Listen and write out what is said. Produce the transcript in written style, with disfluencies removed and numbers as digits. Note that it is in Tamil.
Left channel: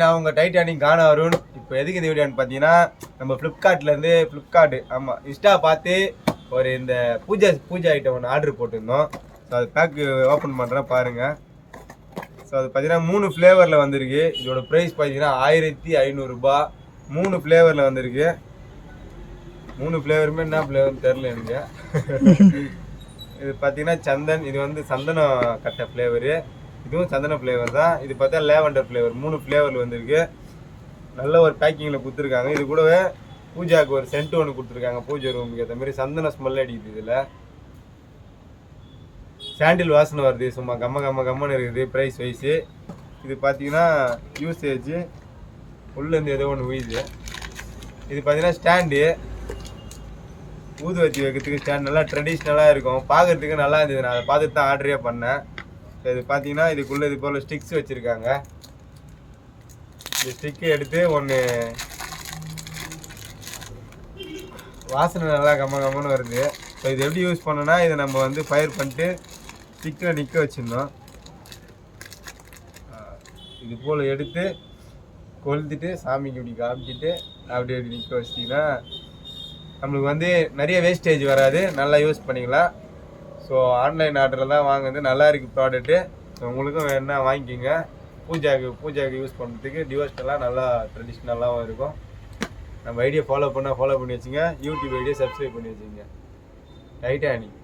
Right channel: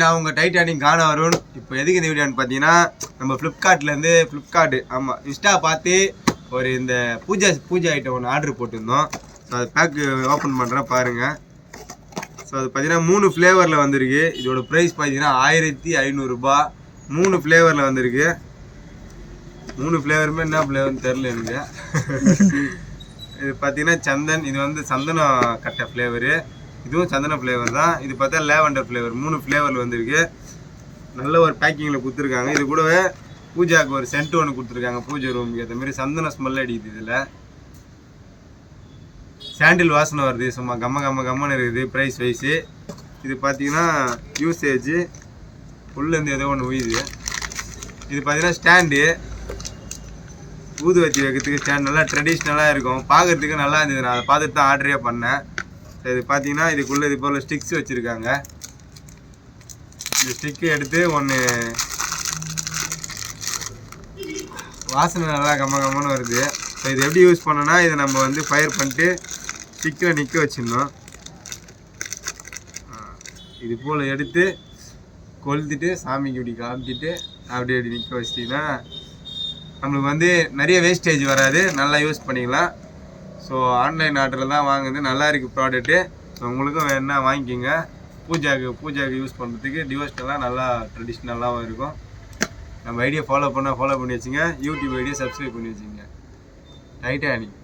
நான் உங்கள் டைட்டானிக் காண வருண். இப்போ எதுக்கு இந்த வீடியோன்னு பார்த்தீங்கன்னா, நம்ம ஃப்ளிப்கார்ட்டு ஆமாம் இன்ஸ்டா பார்த்து ஒரு இந்த பூஜை ஐட்டம் ஒன்று ஆர்டர் போட்டிருந்தோம். ஸோ அது பேக்கு ஓப்பன் பண்ணுறேன் பாருங்கள். ஸோ அது பார்த்தீங்கன்னா 3 ஃப்ளேவரில் வந்திருக்கு. இதோட ப்ரைஸ் பார்த்தீங்கன்னா 1500 ரூபாய். 3 ஃப்ளேவரில் வந்திருக்கு. 3 ஃப்ளேவருமே என்ன ஃப்ளேவர்னு தெரில எனக்கு. இது பார்த்தீங்கன்னா சந்தன், இது வந்து சந்தனம் கட்டை ஃப்ளேவரு. இதுவும் சந்தன ஃப்ளேவர் தான். இது பார்த்தா லேவண்டர் ஃப்ளேவர். 3 ஃப்ளேவரில் வந்திருக்கு. நல்ல ஒரு பேக்கிங்கில் கொடுத்துருக்காங்க. இது கூடவே பூஜாவுக்கு ஒரு சென்ட் ஒன்று கொடுத்துருக்காங்க. பூஜை ரூமுக்கு ஏற்ற மாதிரி சந்தன ஸ்மெல் அடிக்குது. இதில் சாண்டில் வாசனை வருது. சும்மா கம்மன்னு இருக்குது ப்ரைஸ் வைஸு. இது பார்த்தீங்கன்னா யூசேஜ் உள்ளேருந்து ஏதோ ஒன்று உயுது. இது பார்த்தீங்கன்னா ஸ்டாண்டு, ஊதுவத்தி வைக்கிறதுக்கு ஸ்டாண்ட். நல்லா ட்ரெடிஷ்னலாக இருக்கும், பார்க்குறதுக்கு நல்லா இருந்தது. நான் அதை பார்த்துட்டு தான் ஆர்டரே பண்ணேன். இது பார்த்தீங்கன்னா இதுக்குள்ளே இது போல் ஸ்டிக்ஸ் வச்சுருக்காங்க. இந்த ஸ்டிக்கு எடுத்து ஒன்று வாசனை நல்லா கம்மன்னு வருது. ஸோ இது எப்படி யூஸ் பண்ணோன்னா, இதை நம்ம வந்து ஃபயர் பண்ணிட்டு ஸ்டிக்கில் நிற்க வச்சிடணும். இது போல் எடுத்து கொளுத்திட்டு சாமிக்கு இப்படி காமிச்சிட்டு அப்படி நிற்க வச்சிட்டிங்கன்னா நம்மளுக்கு வந்து நிறைய வேஸ்டேஜ் வராது. நல்லா யூஸ் பண்ணிக்கலாம். ஸோ ஆன்லைன் ஆர்டரில் தான் வாங்குது. நல்லா இருக்குது ப்ராடக்ட்டு. ஸோ உங்களுக்கும் வேணுன்னா வாங்கிக்கிங்க. பூஜாவுக்கு யூஸ் பண்ணுறதுக்கு டிவோஷனலாக நல்லா ட்ரெடிஷ்னலாகவும் இருக்கும். நம்ம ஐடியா ஃபாலோ பண்ணி வச்சுங்க. யூடியூப் ஐடியா சப்ஸ்கிரைப் பண்ணி வச்சுங்க. டைட்டானிக்.